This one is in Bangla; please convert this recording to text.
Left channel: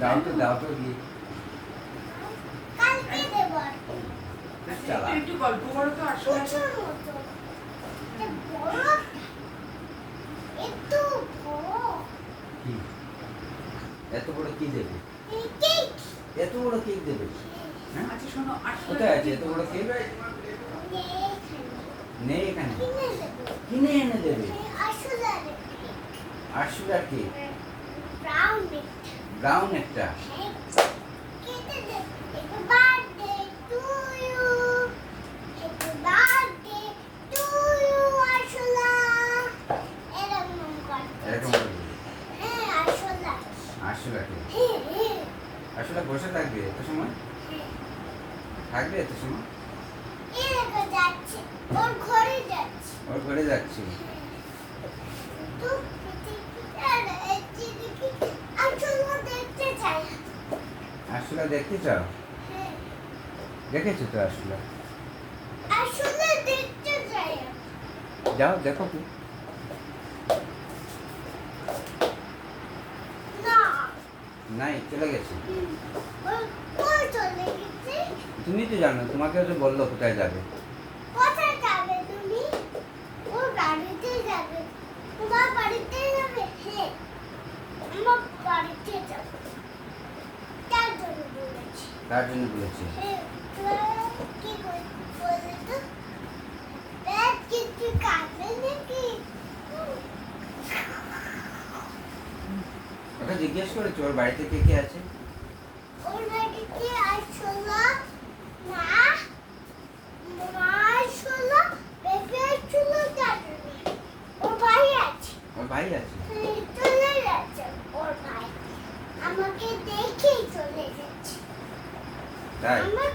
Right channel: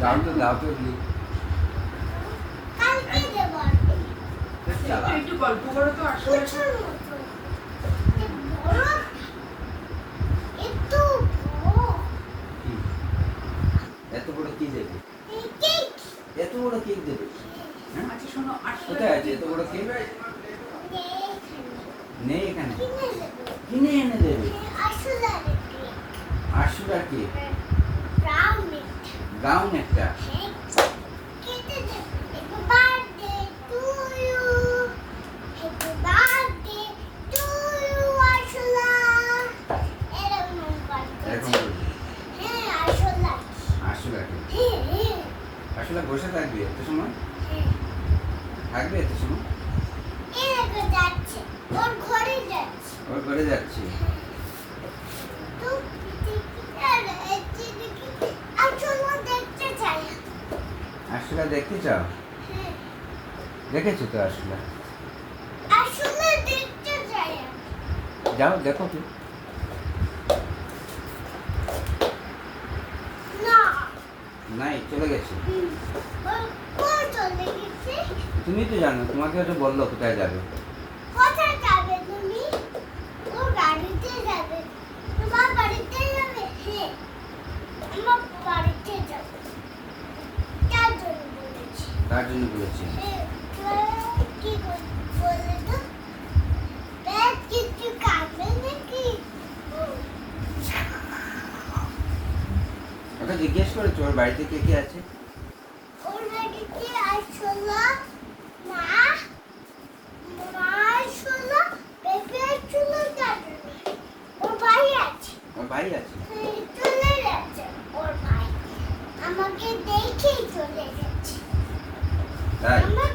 দাও তো গিফট কালকে দেব চালা একটু গল্প করো তো আসলে ছোট মতো বড় একটু বড় কি এত বড় কি দেবে কেক এত বড় কেক দেবে হ্যাঁ আচ্ছা শোনো আসলে কোথায় আছে এত বড় কেক নেই এখানে কিনে এনে দেবে আসলে 800 টাকা কেক ব্রাউন গাউন একটা কেটে দে happy birthday to you happy birthday to you আসলে এরকম এরকম করতে করবে হ্যাঁ আসলে 800 টাকা হ্যাঁ আসলে বসে থাকবে এত সময় থাকবে এত সময় এরকম যাচ্ছে ওর ঘরে যাচ্ছে ওর ঘরে যাচ্ছি তো আসলে দেখতে চাই আসলে দেখতে চাও হ্যাঁ দেখেছো তো আসলে আসলে দেখতে চাই যাও দেখো কি না নাই চলে গেছে ওই চলে গেছে তুমি তো জানো তোমাকেও তো বললো কোথায় যাবে কোথায় যাবে তুমি ও বাড়িতে যাবে তোমার বাড়িতে যাবে হ্যাঁ আমার বাড়িতে যাবে তার জন্য বলেছি তার জন্য বলেছি হ্যাঁ কি বলে তো ব্যাগ কিছু কাটবে নাকি ওকে জিজ্ঞেস করেছো ওর বাড়িতে কে কে আছে ওর বাড়িতে আসলো মা মা আসলো বেবি আসলো দাদু ওর ভাই আছে ওর ভাই আছে চলে যাচ্ছে ওর ভাই আমাকে দেখেই চলে যাচ্ছে তাই আমার